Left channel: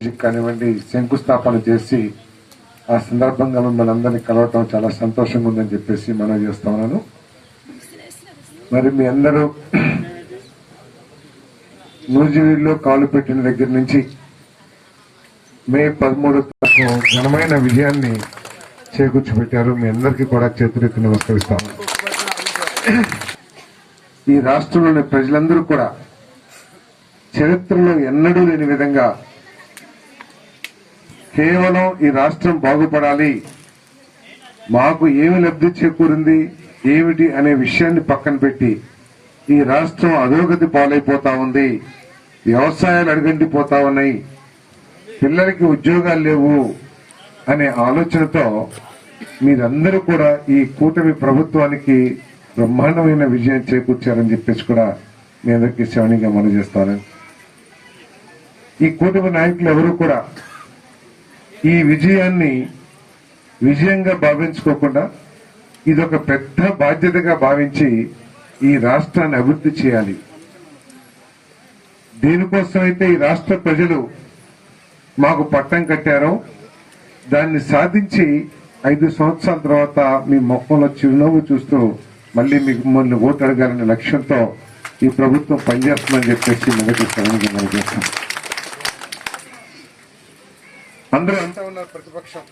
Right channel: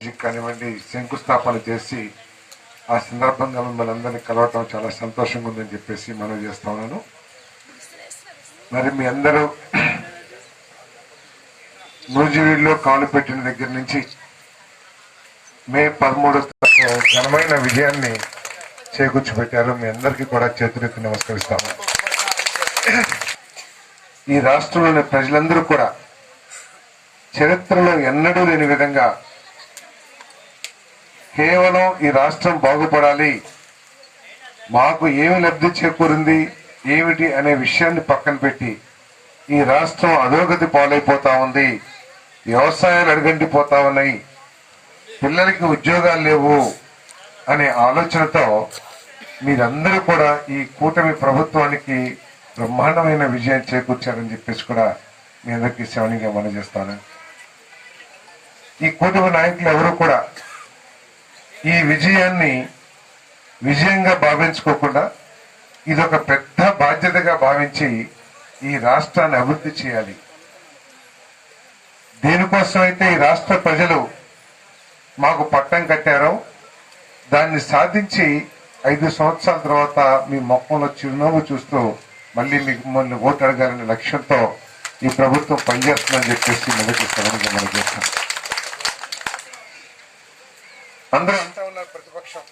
కానివ్వండి శంకుస్థాపన చేసి ఆ సందర్భంగా మిమ్మల్ని అందరినీ కలవటం చాలా సంతోషంగా ఉందని చెప్పేసి మనవి చేస్తా ఉన్నాను. మరి మీ అందరూ నూజివీడులో కాలు పెట్టిన దగ్గర నుంచి మే 13 ఘనమైన విజయాన్ని చేకూర్చిపెట్టారు. మీ అందరికీ కూడా చేతులెత్తి నమస్కరిస్తాము. ఈ రాష్ట్రంలోని ప్రజలందరూ కూడా చరిత్రలో ఎన్నడూ లేని విధంగా కేవలం ఈ రాష్ట్రం బాగుపడాలి, మాకు ఏమి లబ్ధి చేకూరింది ఏమిటి అనే విషయాన్ని పక్కన పెట్టి ఈ రాష్ట్రం అధోగతి పాలైపోతా ఉంది, వ్యవసాయాలు అడుగంటిపోతా ఉన్నాయి, పిల్లలకి ఉద్యోగాలు లేవు అనే ఆలోచనతో మీరందరూ కూడా ఈ కూటమి ప్రభుత్వానికి బ్రహ్మాండమైన విజయం చేకూర్చారని చెప్పేసి కూడా మీ అందరికీ శ్రవణిగా మనం చేస్తాను. ఈ కూటమి నాయకులు ఎవరు కూడా ఈ విజయాన్ని విజయంగా భావించుకోకుండా ఇదొక పెద్ద బాధ్యతగా భావించి ఈ రాష్ట్రాన్ని అభివృద్ధి చేయాలి. దేనికోసం అయితే ఈ రాష్ట్ర ప్రజలు మాకు పట్టం కట్టారో దాన్ని సాధించి 5 సంవత్సరాల తర్వాత మీ మొక్కలో చిరునవ్వు చూస్తూ మళ్ళీ మిమ్మల్ని ఓటు అడగాలనే లక్ష్యంతో ఈ ప్రభుత్వం పనిచేస్తుందని చెప్పేసి మొదటి స్థలంగా మనం చేస్తాం. అందరూ అంటా ఉన్నారు ప్రతిపక్షం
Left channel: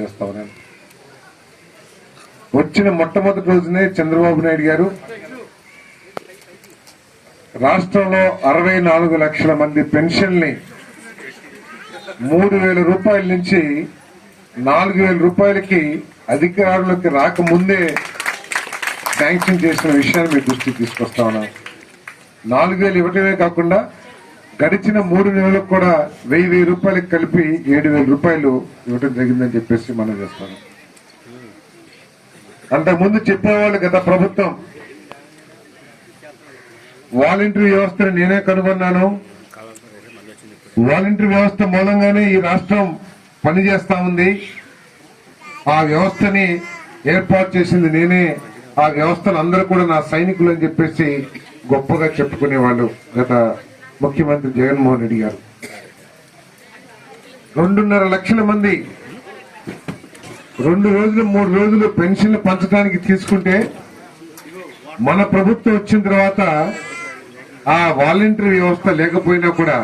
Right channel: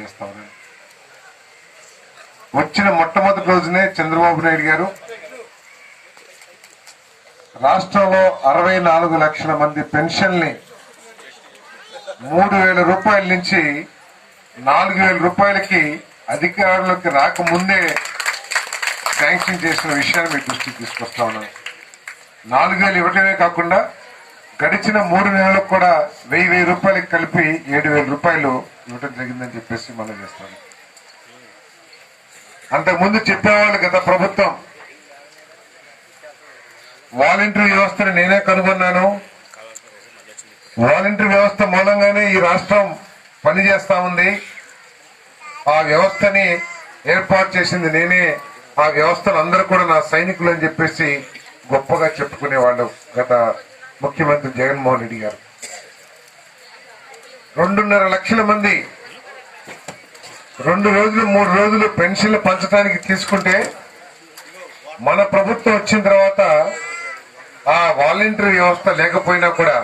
చేస్తా ఉన్నారు. వచ్చిన మొట్టమొదటి రోజునే చంద్రబాబు నాయుడు గారు రాష్ట్రంలో 64 లక్షల మంది పెన్షన్ ని 3,000 రూపాయల నుంచి 4,000 రూపాయలకి అధికారులకు రాకముందే శాంక్షన్ చేసిన విషయాన్ని మీ దృష్టికి తీసుకొస్తా ఉన్నాను. 4,000 ఇవ్వటమే కాకుండా గడిచిన 3 నెలలకు కూడా 1,000 రూపాయలకు కలిపి 7,000 రూపాయలు ఇవ్వటం జరిగిందని చెప్పేసి మనం చేస్తాం. అంతకుముందు చెప్పేవాళ్ళు గత ప్రభుత్వం వాలంటరీ వ్యవస్థను నేనే కనుగొన్నాను, వాలంటరీ వ్యవస్థ మూలంగానే ఈ రాష్ట్రం పనిచేస్తా ఉంది, ఆ వ్యవస్థని ఏర్పాటు చేసింది నేనే, ఆ వ్యవస్థలు అందరూ కూడా నా సైనికులు అని చెప్పేసి గొప్పగా చెప్పుకునేవాళ్ళు గత ముఖ్యమంత్రి జగన్మోహన్ రెడ్డి గారు. 2.5 లక్షల మంది 2 రోజులు 3 రోజులు పెన్షన్లు పంచడానికి తీసుకుంటే మన ప్రభుత్వం వచ్చిన తర్వాత ఆ వాలంటరీ వ్యవస్థ లేకపోయినా కూడా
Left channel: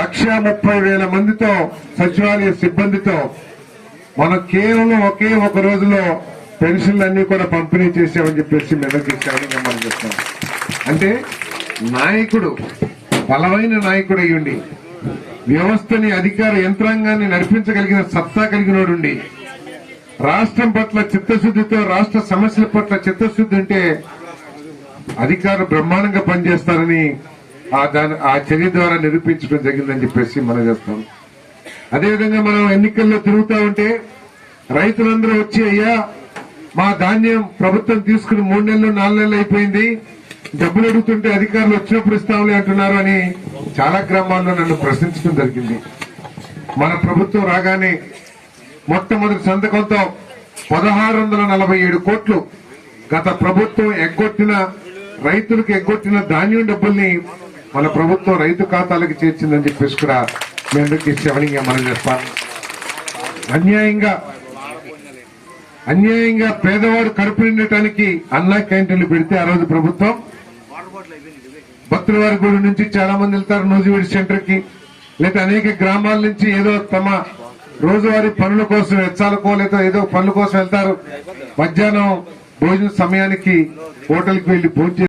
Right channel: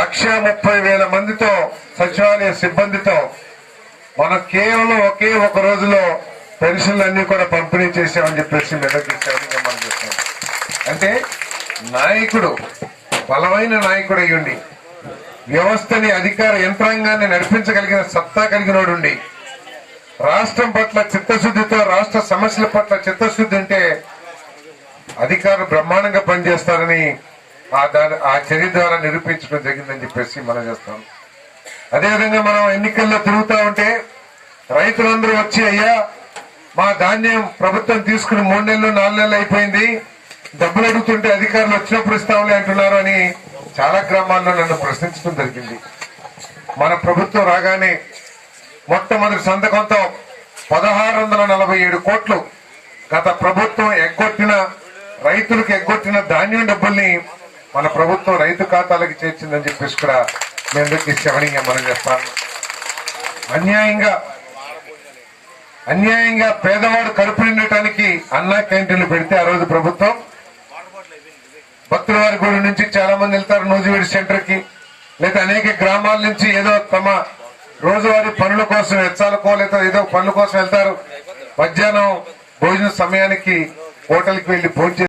1,30,000 మందితో సచివాలయ సిబ్బందితో మనం కేవలం ఒకే ఒక రోజులో పెన్షన్లు అన్ని కూడా పంపిణీ చేసామని చెప్పేసి మెల్లకిస్తామని మనం చెప్తున్నాం. అంటే నాయకుడు బలమైన నాయకుడు అయ్యుండి వ్యవస్థని అధికార యంత్రాంగాన్ని నడిపించగలిగిన సత్తా కలిగినోడుండి రాష్ట్రం పట్ల చిత్తశుద్ధితో రాష్ట్ర సమస్యల పట్ల చిత్తశుద్ధి ఉంటే అధికారులు బ్రహ్మాండంగా పనిచేస్తారని ఆ చర్య ద్వారా నిరూపించడం జరిగిందని చెప్పేసి మనం చేస్తాం. అదేవిధంగా మనం ఎన్నికల్లో తిరుగుతూ ఉంటే రైతులందరూ వచ్చి అయ్యా మా ధాన్యం ప్రభుత్వం తీసుకుని 3 నెలలు 4 నెలలు అయిపోయింది, డబ్బులు అడుగుతుంటే అధికారులు వచ్చినప్పుడు ఇస్తాంలే అంటున్నారు అని చాలా గ్రామాల్లో నన్ను ప్రశ్నించడం జరిగింది. మన ప్రభుత్వం రాగానే మొట్టమొదటి సంతకంతో 1,647 కోట్లు గత ప్రభుత్వం ఎగ్గొట్టిన రైతులకు ఎగ్గొట్టిన ధాన్యం డబ్బుల్ని మన ప్రభుత్వం రైతు ఖాతాలకు చేర్చిందని చెప్పేసి కూడా మీ అందరికీ శ్రవణీయంగా మనం చేస్తాం. అన్యాయంగా పేదవాడు కడుపు నిండటానికి అన్నా క్యాంటీన్లు పెడితే ఆ రోజు ప్రభుత్వం భక్తులవారి గుడి నుంచి చాలా మంది వెళ్తారు నూజివీడు సెంటర్ కి, లేదా అనేక గ్రామాల నుంచి ఏదో తమ రోజువారీ పనుల కోసం వెచ్చాలకో లేదా ఏదో పనుల కోసం వెళ్తారు. మధ్యాహ్నం భోజన సమయానికి హోటల్కి వెళ్లి భోజనం